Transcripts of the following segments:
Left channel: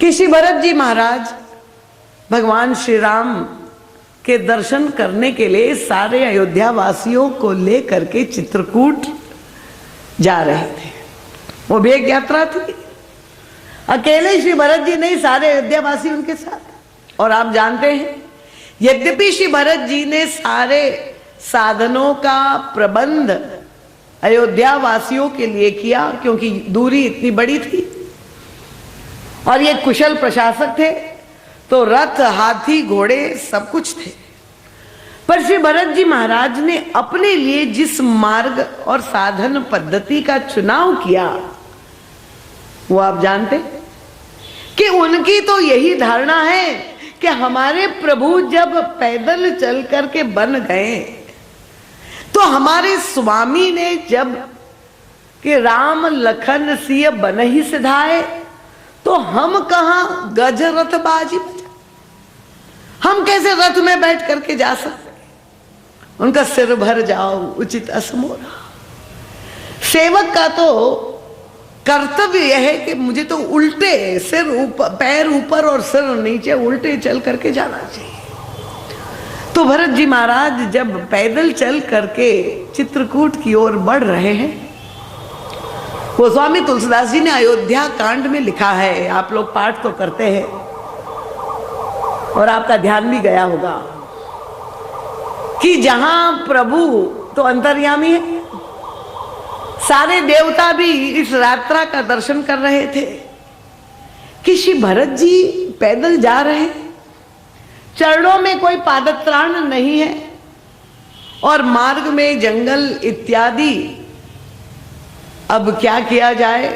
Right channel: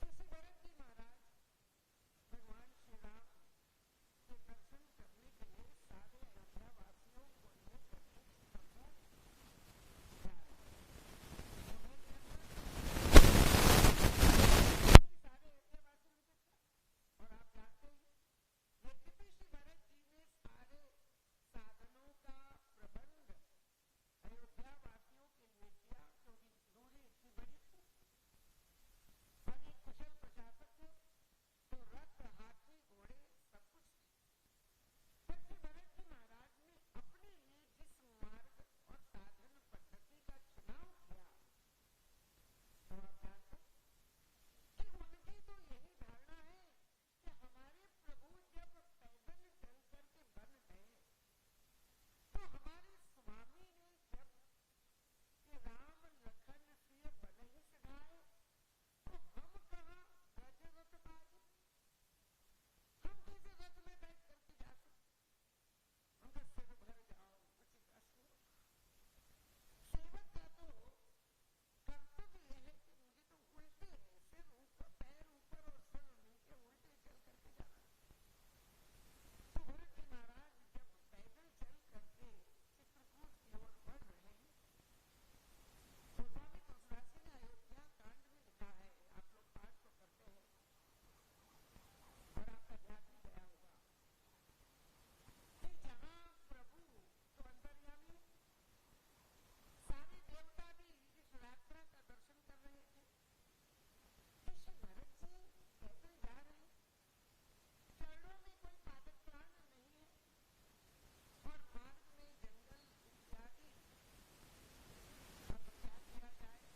कि श्री भरत जी महाराज भगवान श्री राम के दर्शन करने के लिए सारे अयोध्या वासियों को लेकर के चित्रकूट जा रहे थे। वो भी एक यात्रा थी, अकेले श्री भरत जी नहीं, सारे अयोध्या वासी उनके साथ। और आप जानते हैं, यद्यपि श्री भरत जी ने सारे साधनों का प्रबंध अयोध्या वासियों के लिए किया, क्योंकि दूरी इतनी बड़ी थी और ये कुशल प्रशासक थे, तो रथ, हाथी, घोड़े सब कुछ थे। पर श्री भरत जी महाराज ने अपने लिए जिस मार्ग और साधन पद्धति का चुनाव किया, वो आप जानते कि उनकी तो यही धारणा है कि हमारे प्रभु जब पैदल चल करके बन गए, तो हमारे स्वामी ने जब कि राम लखन सिय बन ही सिधाए, तो हम कहां गज रथ बाजी बजा, हम कैसे रथ में बैठ करके जा सकते। उनका सिर भर जाओ उचित असमोरा। सेवक का तो कर्तव्य यह है कि मुझे तो उल्टे, सिर ऊपर, पैर ऊपर और सिर नीचे, उल्टे चल करके जाना चाहिए। तो भरत जी महाराज जब पैदल चल करके चित्रकूट की ओर बढ़ रहे हैं, गोस्वामी तुलसीदास जी ने अयोध्या कांड में लिखा है, आप लोग पाठ तो करते हैं और आपका ध्यान भी गया होगा, कि जहां प्रभु तो अंतर्यामी है, सारे देवता भी इस यात्रा का दर्शन कर रहे थे कि श्री भरत जी पैदल जा रहे हैं, चरणों में कोई पादत्राण नहीं है और मार्ग में जंगल इत्यादि। अब क्या किया जाए,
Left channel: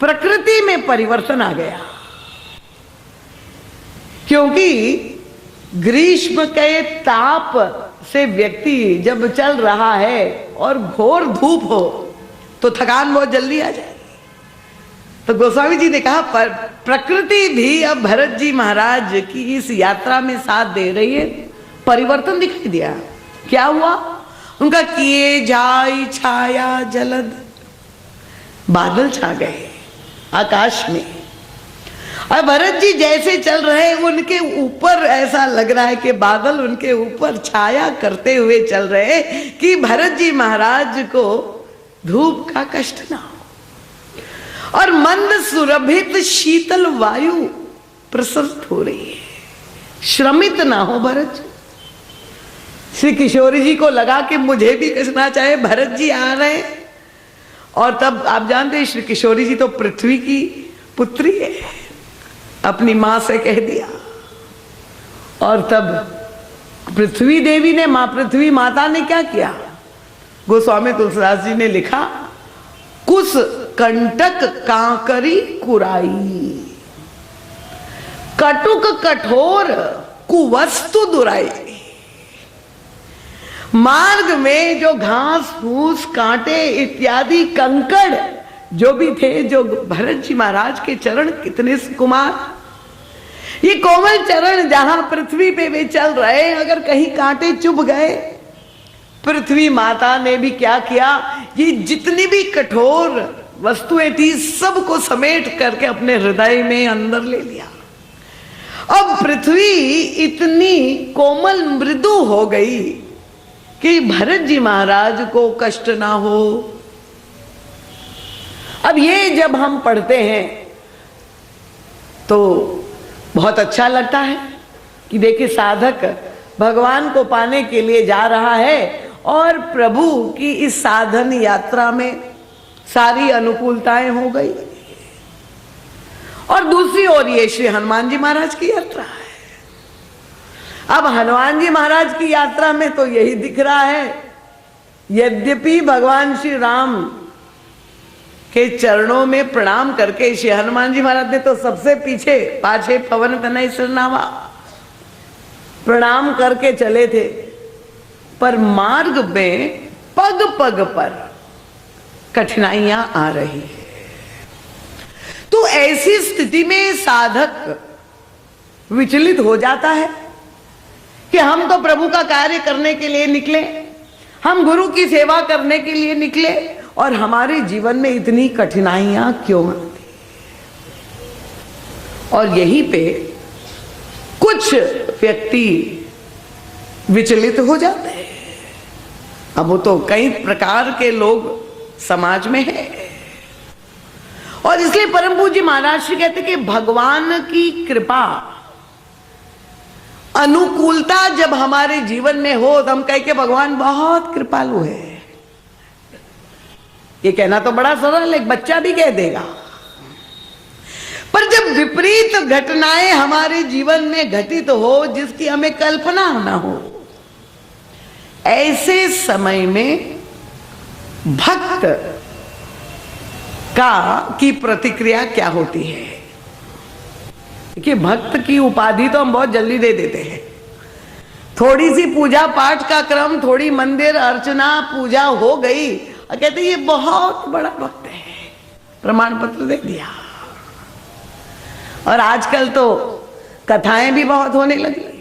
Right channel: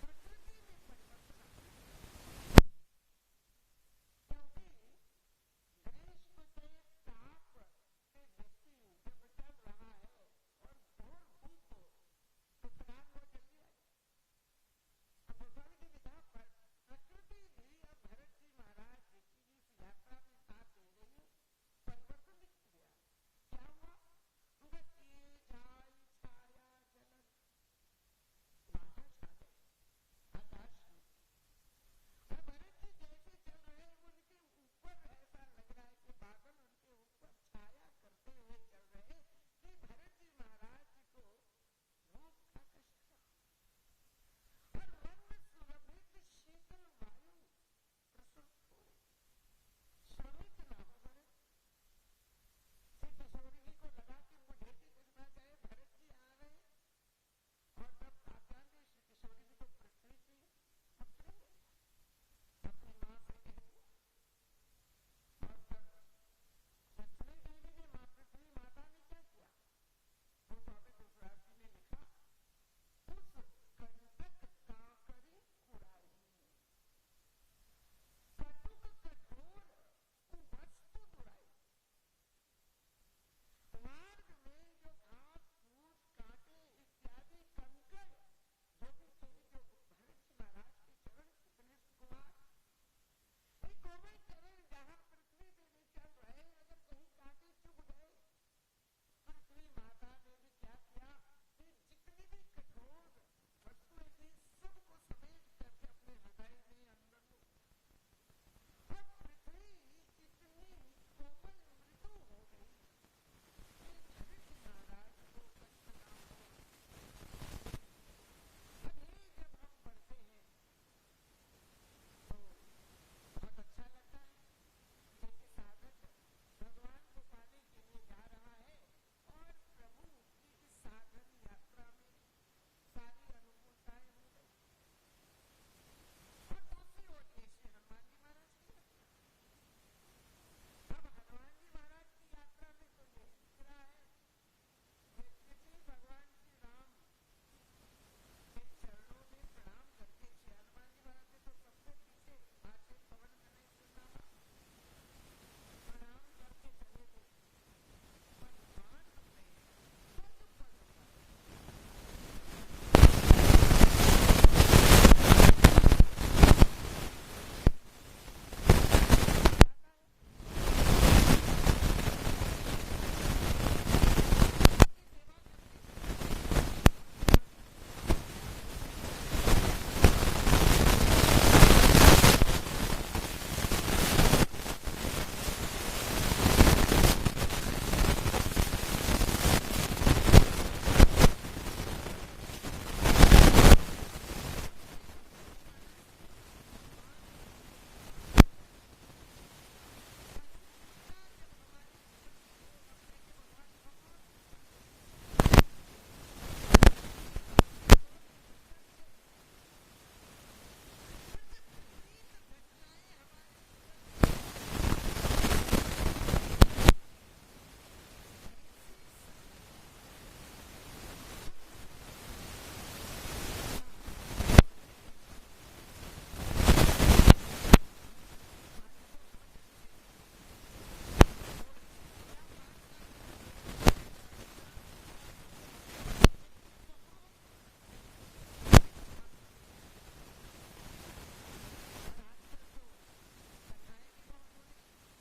प्रकृति में परिवर्तन आ गया, क्योंकि ग्रीष्म के ताप से व्यक्ति जब चल रहा है और घोर धूप हो तो थकान बहुत जल्दी आ जाए। तो गोस्वामी जी ने कहा पर प्रकृति भी अब भरत जी महाराज की इस यात्रा में साथ दे रही है। परिवर्तन दिखाई दिया। क्या हुआ? उनका किए जाई छाया जलद, बादल छा गए आकाश में, और भरत जी जैसे चल रहे उनके ऊपर ऐसा लग रहा है कि बादल उनके ऊपर छाया करते हुए चल रहे, कि भरत जी महाराज को धूप का कष्ट ना हो और मंद सुरभित शीतल वायु प्रसरित हो रही है, श्रमित ना हो भरत जी। श्री किशोरी जी को लगा कि मुझे भी कसना चाहे, भरत जी आ रहे हैं। और तब आप जानते हैं श्री किशोरी जी तो पृथ्वी की पुत्री है, अपनी मां से कह दिया। और तब पृथ्वी देवी ने, मां पृथ्वी माता ने क्या किया? गोस्वामी तुलसीदास जी ने लिखा, कुस कंटक कांकरी कुराई, कटुक कठोर कुवस्तु दुराई। मार्ग में जो घास फूस, कांटे इत्यादि कंकड़ जो भी थे, जो भरत जी महाराज के चरण कितने सुकुमार, ये कोमल चरण जहां पृथ्वी पे वे चल रहे, अगर कहीं कांटे चुभ गए, पृथ्वी माता ने भी क्या किया, ये जितनी भी कठोर वस्तुएं थी सबको समेट करके अपने हृदय में अंदर ले लिया। अब पृथ्वी इतनी कोमल मृदु हो गई कि भरत जी महाराज को कष्ट ना हो। अब ये जब हम पढ़ते हैं तो बहुत अच्छा लगता है कि देखिए साधक भगवान को पाने के लिए जा रहा है और प्रभु की इस साधन यात्रा में सारी अनुकूलताएं हो गई। और दूसरी ओर ये श्री हनुमान जी महाराज की यात्रा है। अब हनुमान जी महाराज की यात्रा में तो यही दिख रहा है, यद्यपि भगवान श्री राम के चरणों में प्रणाम करके श्री हनुमान जी महाराज ने तो सबसे पीछे पाछे पवन तनय सिरनावा प्रणाम करके चले थे, पर मार्ग में पग पग पर कठिनाइयां आ रही। तो ऐसी स्थिति में साधक विचलित हो जाता है कि हम तो प्रभु का कार्य करने के लिए निकले, हम गुरु की सेवा करने के लिए निकले, और हमारे जीवन में इतनी कठिनाइयां क्यों? और यहीं पे कुछ व्यक्ति विचलित हो जाते हैं। अब वो तो कई प्रकार के लोग समाज में है, और इसलिए परम पूज्य महाराज जी कहते कि भगवान की कृपा, अनुकूलता जब हमारे जीवन में हो तो हम कह के भगवान बहुत कृपालु है। ये कहना तो बड़ा सरल, एक बच्चा भी कह देगा। पर जब विपरीत घटनाएं हमारे जीवन में घटित हो, जिसकी हमें कल्पना न हो, ऐसे समय में भक्त की प्रतिक्रिया क्या होती है? कि भक्त की उपाधि तो हम बहुत जल्दी दे देते हैं। थोड़ी सी पूजा पाठ का क्रम, थोड़ी मंदिर अर्चना पूजा हो गई और कहते ये बहुत बड़ा भक्त है, प्रमाण पत्र दे दिया। और आजकल तो कथाएं भी बहुत होने लगी।